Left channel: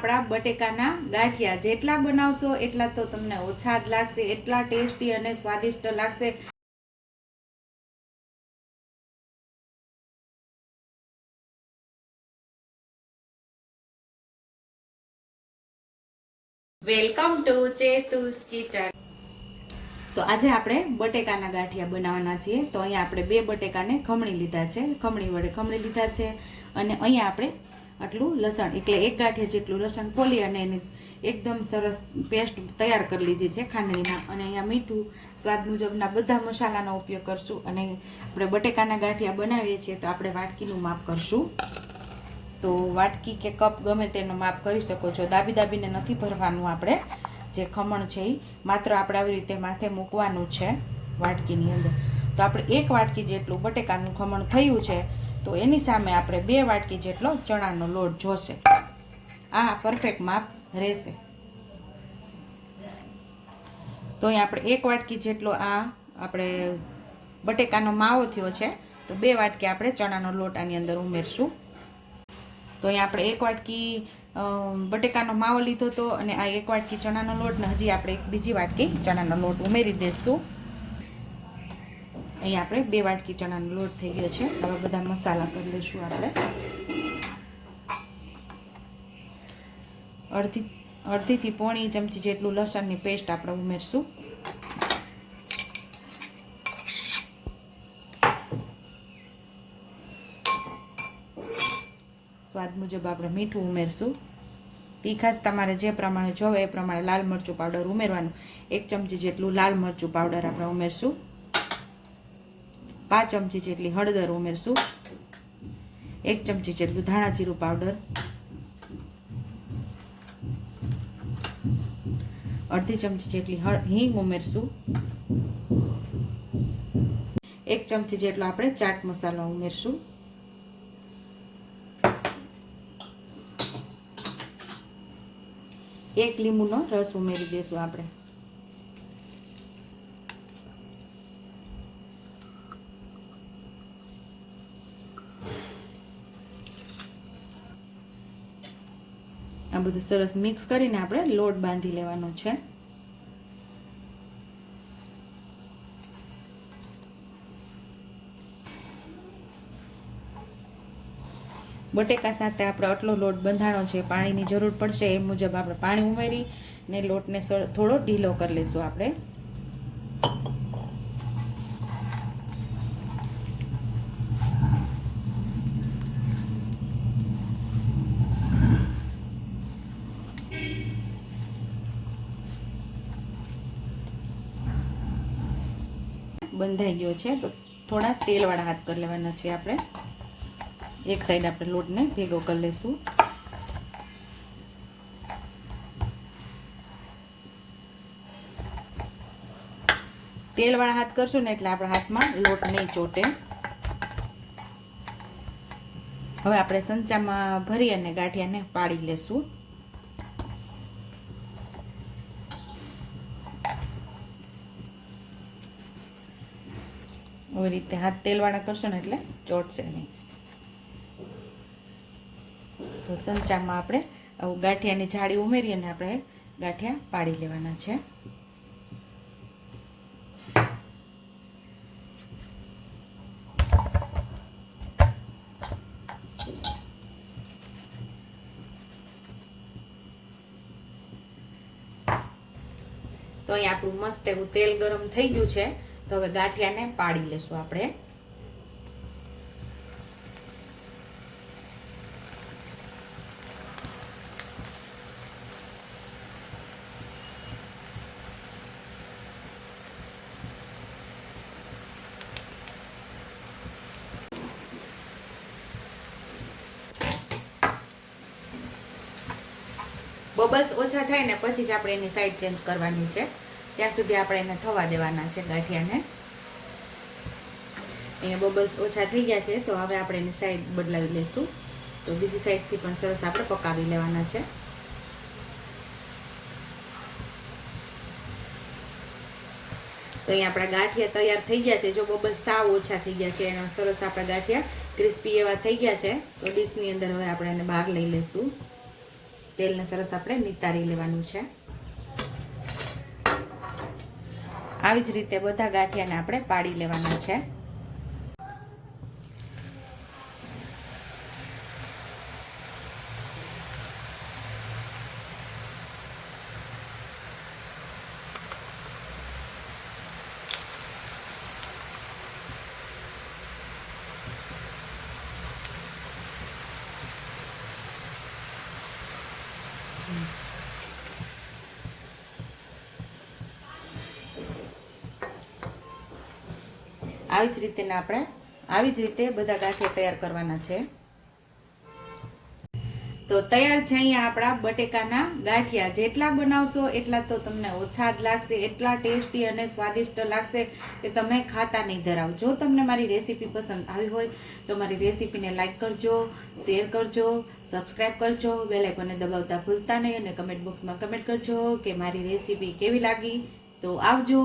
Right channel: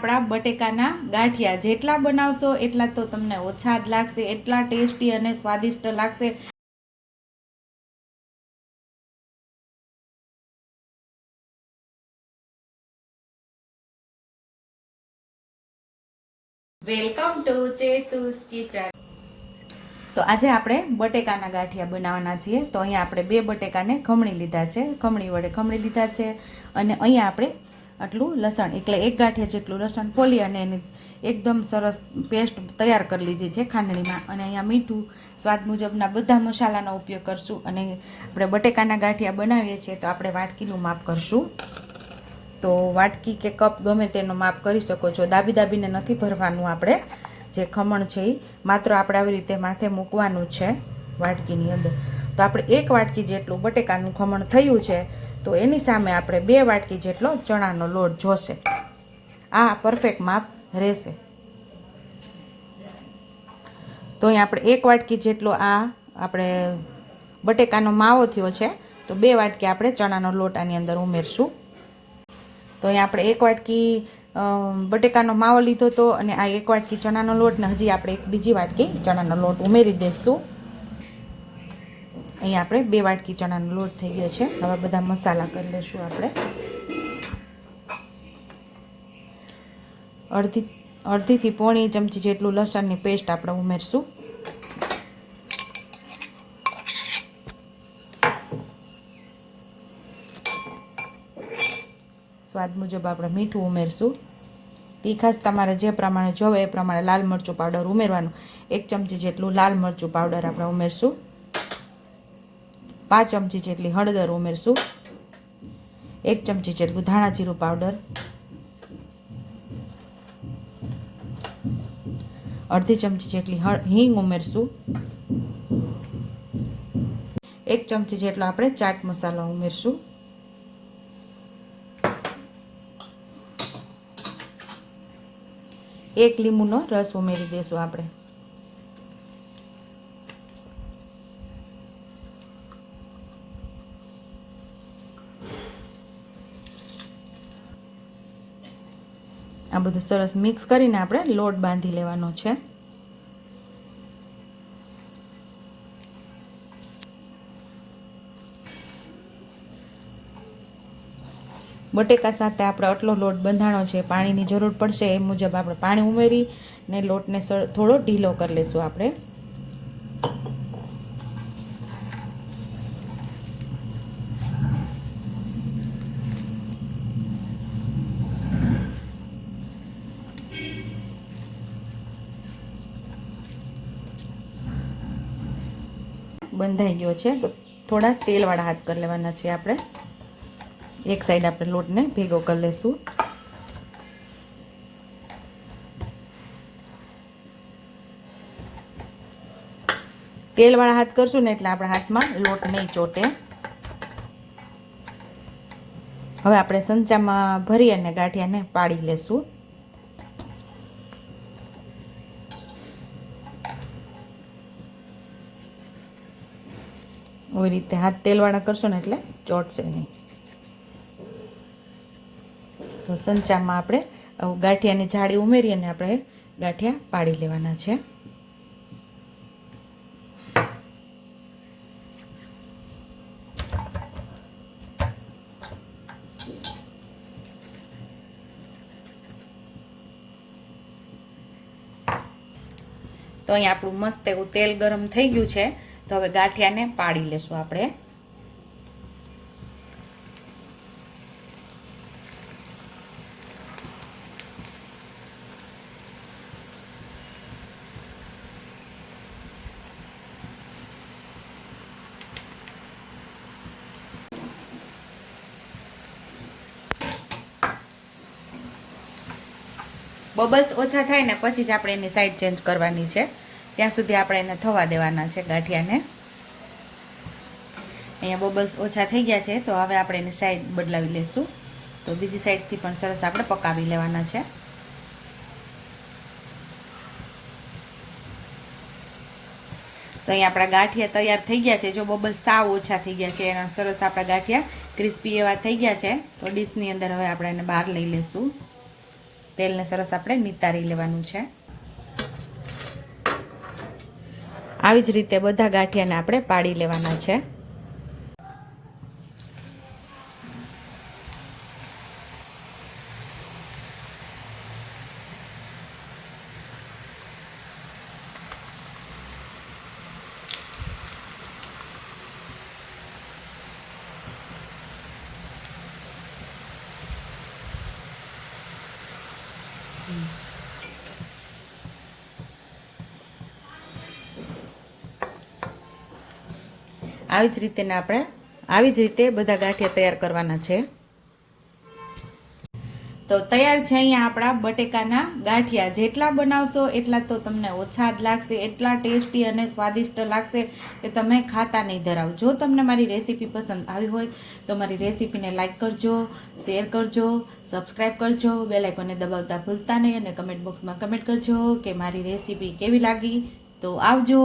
આપણા બટેકાના ગાંઠિયા જેટલા બનાવશો એટલા તો તમને ઓછા જ લાગશે, એટલા ટેસ્ટી અને સ્વાદિષ્ટ લાગશે. Welcome to Chetu's kitchen. તો આજે આપણે બટેકાના ગાંઠિયા બનાવવાના છીએ. તો અહીંયા આપણે 2 બટેકાને ખમણી લીધા છે, ખમણી વડે ખમણી લીધા છે. અને અહીંયા આપણે આટલું લસણ, એટલે 1 ગાંઠિયા જેટલું લસણ ફોલી અને એને એકદમ સરસ પેસ્ટ તૈયાર કરી લીધી છે ખાંડણીમાં. અને અહીંયા મીઠું, સ્વાદ મુજબના બધા મસાલાનો ઉપયોગ કરશું. અને આપણે બટેકાના ગાંઠિયા બનાવીએ છીએ તો આપણે વાટકીનું માપ કરશું. તો વાટકી કે કપ ગમે તેનો માપ કરી શકો છો. દાબીને નથી ભરવાનું. આપણે જે ખમણ છે એ માત્ર આપણે આવી રીતે માથે મૂકવાનું છે વાટકીની અંદર. તો આપણે 1 વાટકી જેટલું બટેકાનું ખમણ થયું છે, તો એની સામે આપણે 2 વાટકી જેટલો ચણાનો લોટ જોશે. આ પરફેક્ટ માપ રહેશે. તો અહીં આપણે 1 વાટકી જેટલો આ આપણે બટેકાનો માવો થયો છે, તો 2 વાટકી આપણે ચણાનો લોટ આની અંદર ઉમેરશું. તો અહીં આપણે 1 વાટકી બટેકાનો માવો લીધો હતો અને આ 1 વાટકી ચણાનો લોટ, ને હજી આપણે બીજી વાટકી ચણાનો લોટ ઉમેરી દઈશું. અહીં આપણે 2 વાટકી ચણાનો લોટ થઈ ગયો છે. હવે બધા મસાલા કરી લઈશું. આપણે અડધીથી પોણી ચમચી જેટલું લસણની પેસ્ટ આપણે ઉમેરશું. સ્વાદ મુજબ આપણે મીઠું ઉમેરશું. તીખાશ તમારે જે પ્રમાણે જોવે એ પ્રમાણે લાલ મરચું પાવડર ઉમેરવાનું. 1 ચમચી જેટલું લાલ મરચું પાવડર આપણે ઉમેરશું. 5 ચમચી જેટલી હળદર ઉમેરશું. 1 ચમચી જેટલું ધાણા જીરું પાવડર, અડધી ચમચી જેટલી હિંગ ઉમેરશું. 1 ચમચી જેટલો આપણે ચાટ મસાલો ઉમેરશું. એક લીંબુનો રસ ઉમેરી દઈશું આપણે. આ બધું સરસ મિક્સ કરીને આપણે લોટ બાંધી લેવાનો છે. બટેકા સાથે આપણે આટલો લોટ બંધાણો છે. પાણીની જરૂર પડશે એ મુજબ આપણે પાણી ઉમેરી ને લોટને થોડો ઢીલો કરી લઈશું. આપણે બંધાઈ ગયો છે, તો થોડા તેલવાળા હાથ કરી લેવાના છે. આપણે એક સાઈડ આપણે લોટને ભેગો કરી લઈશું. તેલવાળા હાથ કરશું ને એટલે આપણા હાથમાં લોટ નહીં ચોટે. હવે આપણે સંચામાં ભરી અને ગાંઠિયાને પાડી લેશું. આવી રીતે હાથ તેલવાળા કરશો ને એટલે ચોટશે નહીં. તો સંચામાં આપણે ગાંઠિયાની જાળી ઉમેરી અને આપણે ગાંઠિયા પાડી લેવાના છે. તો અહીં આપણું મસ્ત એવું તેલ ગરમ થઈ ગયું છે. તો હવે ગાંઠિયાને પાડી લેશું આપણે. બબલ્સ ઓછા થાય ને પછી જ આપણે એની સાઈડ ચેન્જ કરવાની છે. ત્યાં સુધી આપણે એને થવા દેવાના છે ગાંઠિયાને. અહીંયા બબલ્સ ઓછા થઈ ગયા છે, તો હવે આપણે એની સાઈડ બદલાવી લઈશું. તો બીજી સાઈડથી પણ સરસ આપણે પકાવી લેવાના છે. તો અહીં આપણા ગાંઠિયા તૈયાર થઈ ગયા છે. જો બબલ્સ સાવ ઓછા થઈ ગયા છે, એના સરસ આપણા ગાંઠિયા ક્રિસ્પી એવા થઈ ગયા છે. તો ડીશની અંદર હવે આપણે એને બહાર લઈ લઈશું. તેલને સરસ આપણે નિતારી લેવાનું છે. આવી જ રીતે બધા ગાંઠિયાને આપણે પાડી લેવાના છે. આવી જ રીતે બધા ગાંઠિયા તૈયાર કરવાના છે. તો તૈયાર છે અહીંયા આપણા બટેકાના ગાંઠિયા. જેટલા બનાવશો એટલા તો તમને ઓછા જ લાગશે, એટલા ટેસ્ટી અને સ્વાદિષ્ટ લાગશે કે તમે ખાતા નહીં ધરાવ. જો તમને મારી રેસીપી પસંદ આવી હોય તો મારી રેસીપીને લાઈક કરજો, શેર કરજો, સબસ્ક્રાઈબ કરજો, બેલ આઇકોનને દબાવતા ભૂલતા નહીં અને કમેન્ટ બોક્સમાં કમેન્ટ કરજો કે મારી રેસીપી કેવી લાગી. તો આવજો.